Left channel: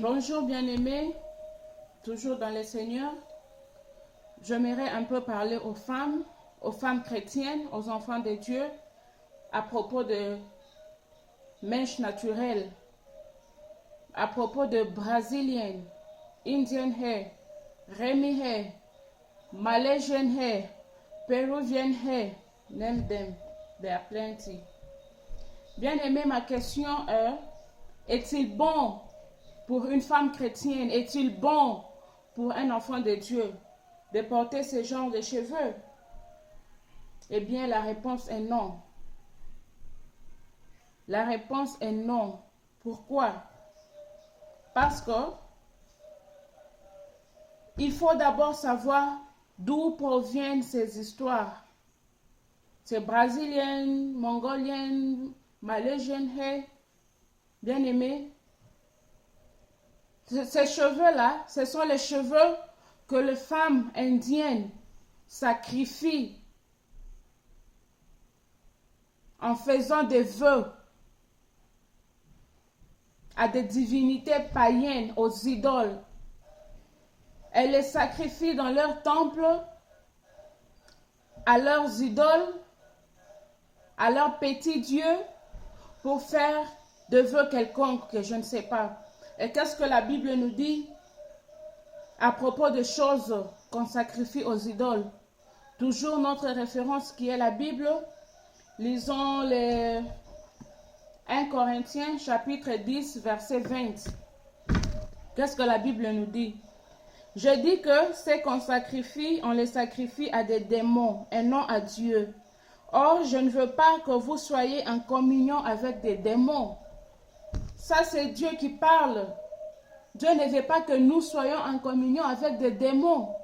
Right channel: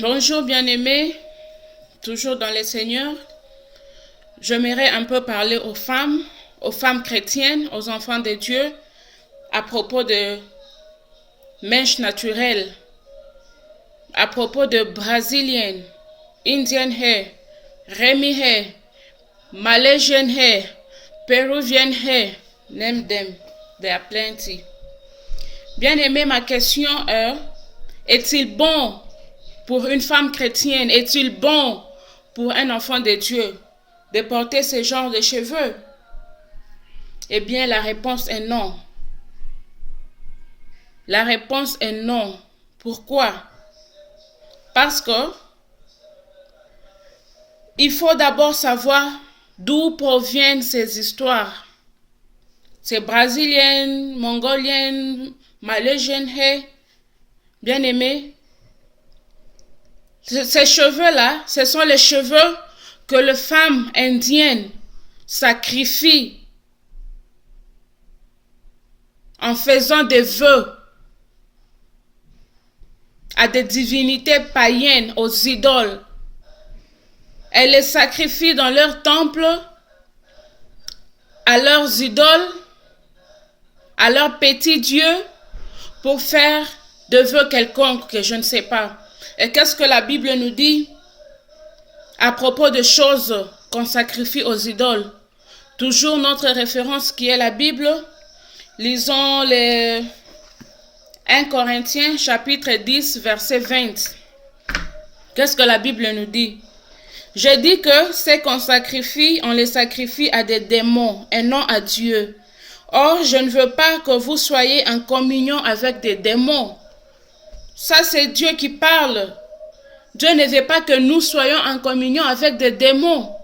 Bonjour bien-aimés, toujours dans le Seigneur. J'aimerais un peu parler aux femmes chrétiennes, aux enfants de Dieu, à propos de mèches naturelles, à propos de Brazilian, Indian hair, Remy hair, Malaysian hair, Peruvian hair, name them, there are plenty. Bien-aimé, ma question est-il bon pour une femme chrétienne, est-il bon pour un enfant de Dieu de porter ce genre de cheveux? Eh bien, la réponse est non. La réponse est non. Pourquoi? Parce que il faut d'abord savoir d'où proviennent ces histoires. Ces brésiliennes, mongoliennes, malaisiennes, bien aimés. Ces cheveux-là, ce sont les cheveux que les femmes indiennes sacrifient en faisant des vœux à des divinités païennes, aux idoles. Elles les sacrifient dans leur temple, à leurs idoles, à leurs petits dieux, pour faire des vœux quelconques que je ne sais pas. Et qu'est-ce que la Bible nous dit à propos de choses qu'on sacrifie aux idoles? Toujours notre référence qui est la Bible. Lisons les 1 Corinthiens chapitre 10 verset 20. Qu'est-ce que la Bible nous dit? Je dis que ce qu'on sacrifie, on les sacrifie à des démons et non à Dieu. Or, je ne veux pas que vous soyez en communion avec des démons. Ça, c'est Dieu qui parle. Dieu ne veut pas que nous soyons en communion avec des démons.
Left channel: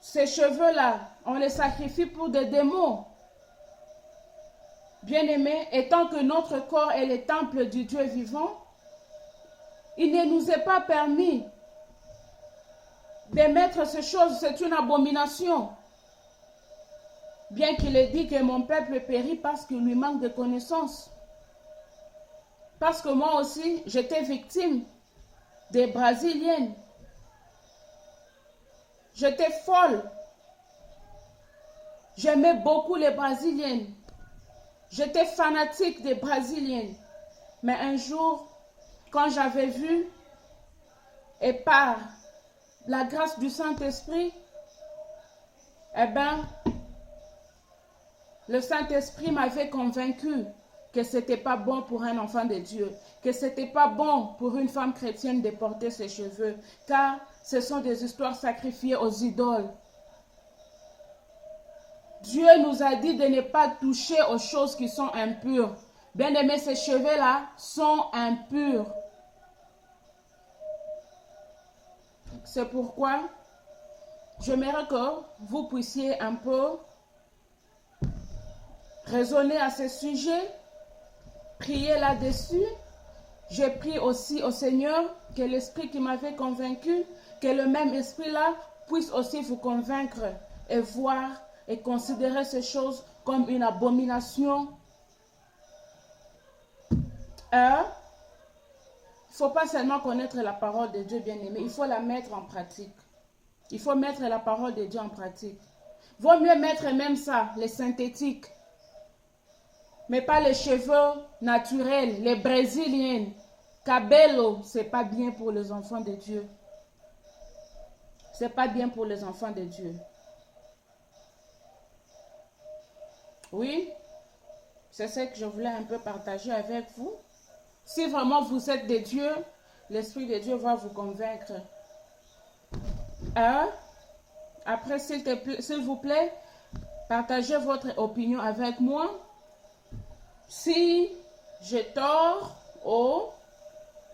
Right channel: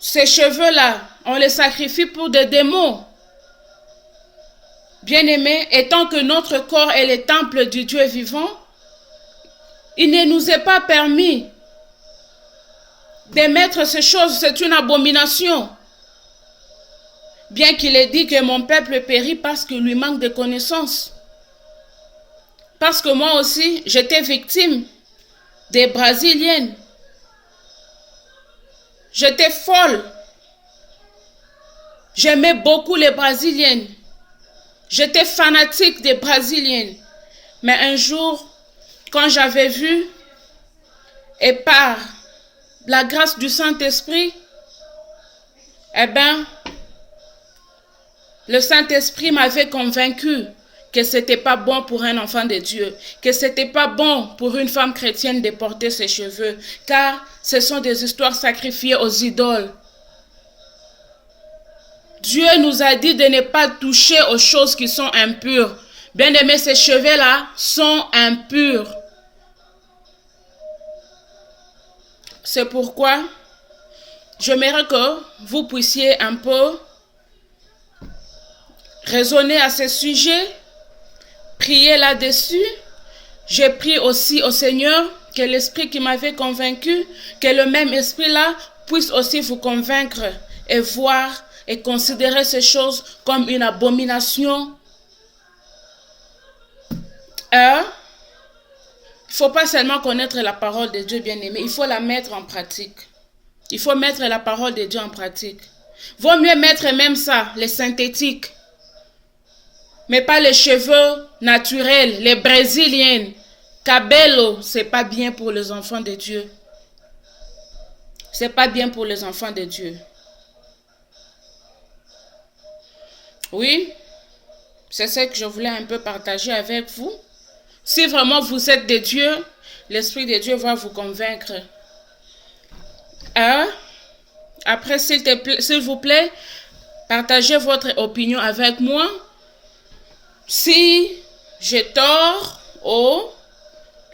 Ces cheveux-là, on les sacrifie pour des démons. Bien-aimés, étant que notre corps est le temple du Dieu vivant, il ne nous est pas permis d'émettre ces choses. C'est une abomination. Bien qu'il ait dit que mon peuple périt parce qu'il lui manque de connaissances. Parce que moi aussi, j'étais victime des Brésiliennes. J'étais folle. J'aimais beaucoup les Brésiliennes. J'étais fanatique des Brésiliennes. Mais un jour, quand j'avais vu, et par la grâce du Saint-Esprit, eh bien, le Saint-Esprit m'avait convaincu que ce n'était pas bon pour un enfant de Dieu, que ce n'était pas bon pour une femme chrétienne de porter ses cheveux, car ce sont des histoires sacrifiées aux idoles. Dieu nous a dit de ne pas toucher aux choses qui sont impures. Bien aimé, ces cheveux-là sont impurs. C'est pourquoi j'aimerais que vous puissiez un peu raisonner à ce sujet, prier là-dessus. J'ai prié aussi au Seigneur que l'esprit qui m'avait convaincu, que le même esprit-là puisse aussi vous convaincre et voir et considérer ces choses comme une abomination. Il ne faut pas seulement connaître la parole de Dieu, bien-aimé, il faut la mettre en pratique. Il faut mettre la parole de Dieu en pratique. Vaut mieux mettre même ça, les synthétiques, mais pas les cheveux naturels, les brésiliennes. Cabello, c'est pas bien pour les enfants de Dieu. C'est pas bien pour les enfants de Dieu. Oui, c'est ce que je voulais un peu partager avec vous. Si vraiment vous êtes de Dieu, l'Esprit de Dieu va vous convaincre. Après, s'il vous plaît, partagez votre opinion avec moi. Si j'ai tort ou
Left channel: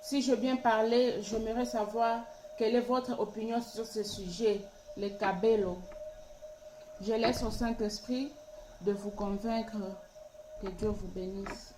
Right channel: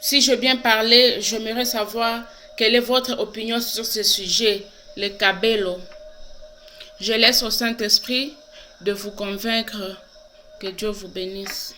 si j'ai bien parlé, j'aimerais savoir quelle est votre opinion sur ce sujet, le cabello. Je laisse au Saint-Esprit de vous convaincre. Que Dieu vous bénisse.